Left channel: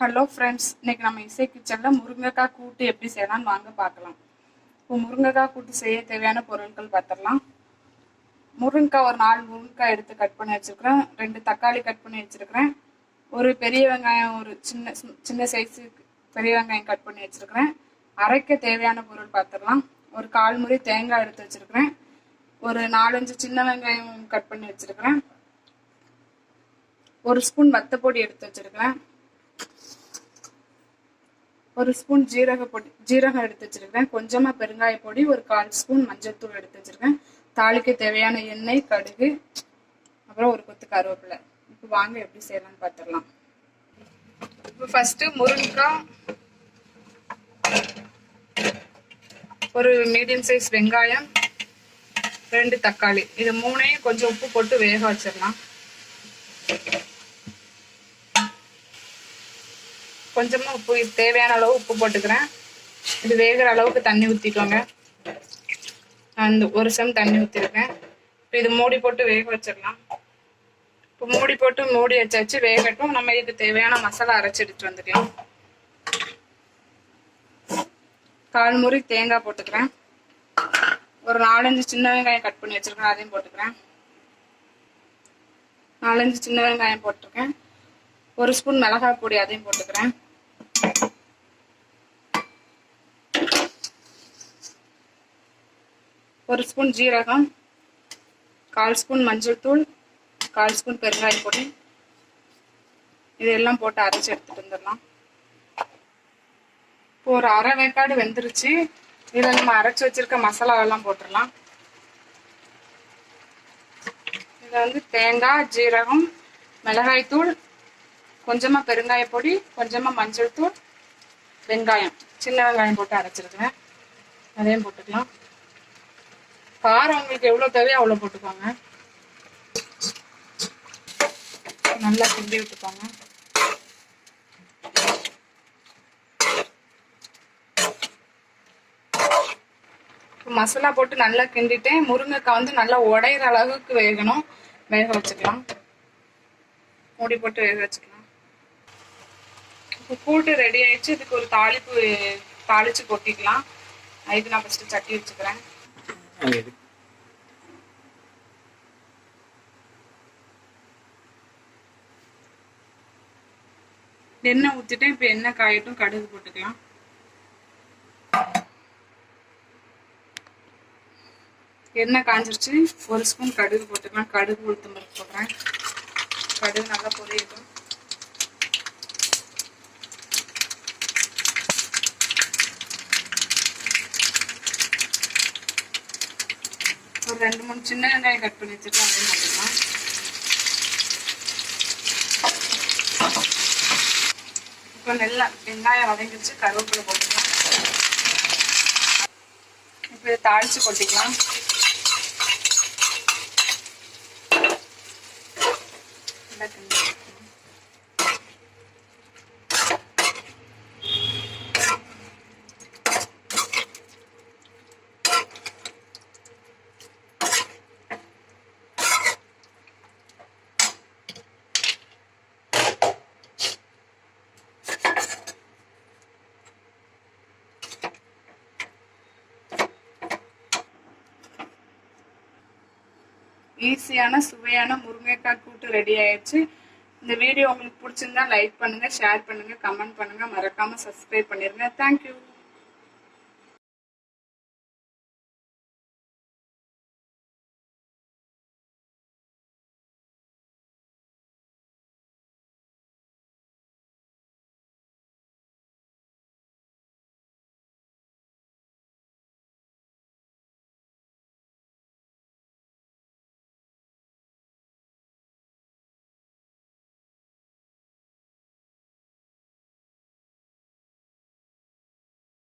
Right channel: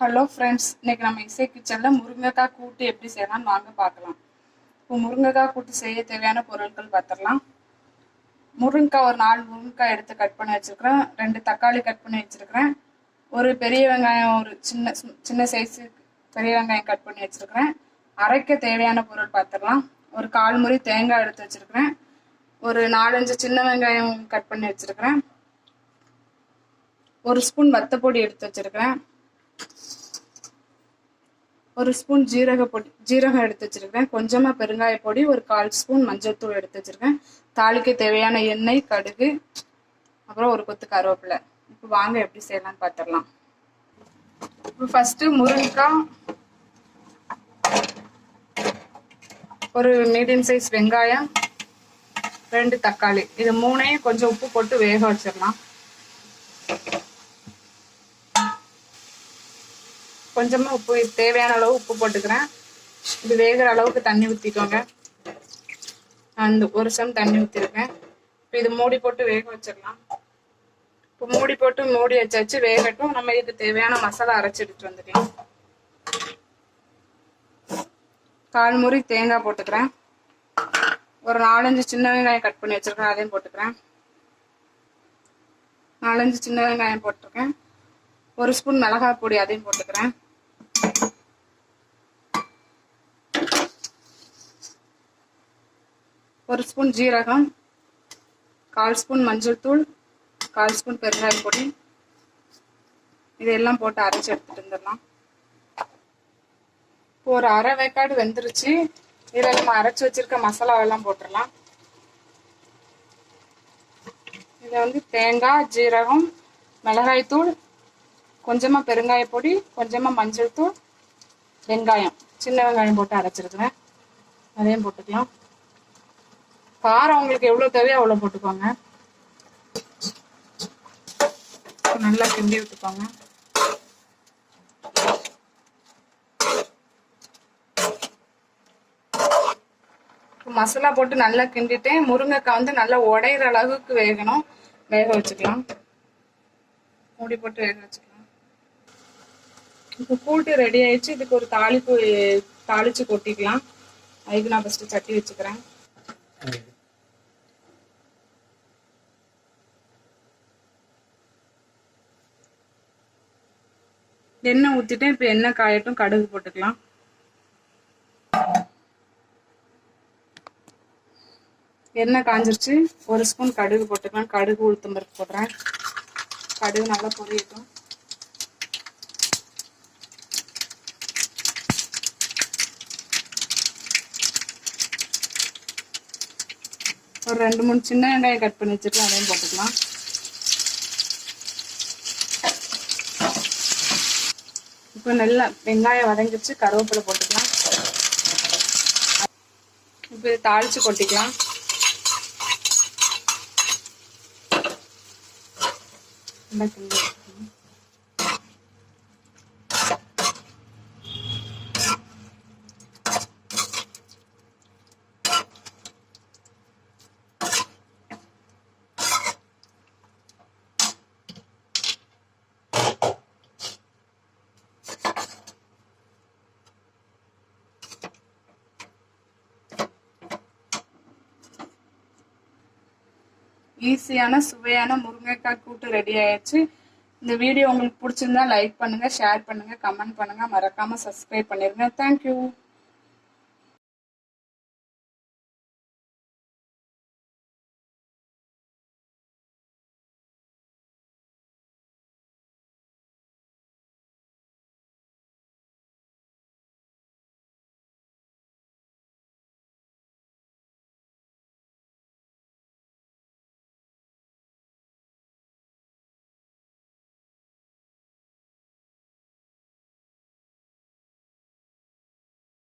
Hello friends, இன்னைக்கு நம்ம இசை கிச்சனில் முருங்கைக்காய் கூட்டு எப்படி செய்யலாம்னு வாங்க பார்க்கலாம். இப்போ முருங்கைக்காய் கூட்டு செய்ய தேவையான பொருட்கள் பார்த்துடலாம். முருங்கைக்காய் ஒரு 4 முருங்கைக்காய் எடுத்து கட் பண்ணி வச்சுருக்கிறேன். 2 தக்காளி கட் பண்ணி வச்சுருக்கிறேன். ஒரு பெரிய வெங்காயம், ஒரு சின்ன சைஸு பெரிய வெங்காயம் கட் பண்ணி வச்சுருக்கிறேன். அரைக்க தேவையான பொருள் பார்த்துடலாம். ஒரு 1/4 முறி தேங்காய் எடுத்து வச்சுருக்கிறேன். ஒரு 4-5 சின்ன வெங்காயம் கட் பண்ணி வச்சுருக்கிறேன். ஒரு ஸ்பூன் வத்தப்பொடி எடுத்து வச்சுருக்கிறேன். ஒரு ஸ்பூன் ஜீரகம் எடுத்து வச்சிருக்கேன். கொஞ்சமா பெருங்காய பொடி, ஒரு 1/4 ஸ்பூன் மஞ்சள் தூள் எடுத்து வச்சிருக்கேன். தாளிக்க தேவையான எண்ணெய், கடுகு, அப்புறம் ஒரு கொத்து கருவேப்பிலை. இப்போ வாங்க எப்படி செய்யலாம்னு பார்த்துடலாம். இப்போ ஃபர்ஸ்ட் முருங்கைக்காய், ஒரு மீடியம் சைஸ் வெங்காயம், 2 தக்காளி, இது 3ஐயும் கொஞ்சம் உப்பு போட்டு வேக வச்சிடலாம். கொஞ்சமா உப்பு, தேவையான அளவு உப்பு போட்டுக்கிறேன். இது வேகிற அளவுக்கு தண்ணி ஊற்றிக்கோங்க. அந்த 1 செம் தண்ணி ஊற்றிருக்கேன். இப்போ இது மூடி போட்டு வேக வச்சிடலாம். இப்போ மூடி போட்டு மூடி வச்சு வேகட்டும். நம்ம இது தேவையான மசாலா அரைச்சி எடுத்துட்டு வந்துக்கலாம். 1/4 முறி தேங்காய் போட்டுக்கிறேன். ஒரு 4-5 சின்ன வெங்காயம் கட் பண்ணி வச்சிருக்கேன், அதையும் போட்டுக்கிறேன். 4-5 சின்ன வெங்காயம் போட்டிருக்கேன். 1 ஸ்பூன் மிளகாய் பொடி, அதையும் போட்டுக்கிறேன். ஒரு ஸ்பூன் ஜீரகம், 1/4 ஸ்பூன் மஞ்சள் தூள், 1/4 ஸ்பூன் பெருங்காய பொடி, இதெல்லாம் போட்டு அரைச்சி எடுத்துட்டு வந்துடலாம். இப்போ ஒரு அரை வேக்காடு வெந்துருச்சு. இதில் நம்ம அரைச்சி வச்சிருக்க மசாலாவெல்லாம் போட்டுடலாம். இதில் தேங்காய், ஜீரகம், மிளகாய் தூள், கொஞ்சமா பெருங்காய பொடி, கொஞ்சமா மஞ்சள் தூள், வெங்காயம், சின்ன வெங்காயம் போட்டு அரைச்சிருக்கிறேன், அதையும் போட்டுக்கலாம். காரம் உங்களுக்கு எவ்வளவு தேவையோ அவ்வளவு போட்டுக்கோங்க. நல்லா கிண்டி விட்டுக்கோங்க. மசாலா போட்டு நல்லா கிண்டிட்டேன். முருங்கைக்காய் நல்லா உடையிற அளவுக்கு வேகணும். வேக வச்சுக்கலாம். மூடி போட்டு வேக வச்சுக்கலாம். இப்போ கூட்டு ரெடி ஆயிடுச்சு. இதுக்கு ஒரு தாளிச்சு கொட்டிக்கலாம். அதுக்கு நான் ஃபர்ஸ்ட் சட்டி வச்சுக்கிறேன். எண்ணெய் ஊற்றிட்டு இப்போ எண்ணெய் காயட்டும். கடுகு போட்டுக்கலாம். எண்ணெய் காஞ்சிருச்சு. 1 ஸ்பூன் கடுகு போட்டுக்கலாம். கடுகு, உளுத்தம் பருப்பு போடுறேன். கடுகு நல்லா பொரியட்டும். ஒரு 2-3 சின்ன வெங்காயம் கட் பண்ணி வச்சுருக்கோம், அதையும் போட்டுக்கலாம். இப்போ நல்லா வெங்காயம் வதங்கிச்சு. கருவேப்பிலை போட்டுக்கலாம். இப்போ இதை தாளிச்சு கொட்டிக்கலாம். ஈஸியான சுவையான முருங்கைக்காய் கூட்டு ரெடி ஆயிடுச்சு. இந்த வீடியோ உங்களுக்கு பிடிச்சிருந்தா லைக் பண்ணுங்க, ஷேர் பண்ணுங்க, கமெண்ட் பண்ணுங்க, மறக்காம சப்ஸ்கிரைப் பண்ணிருங்க. தேங்க்யூ.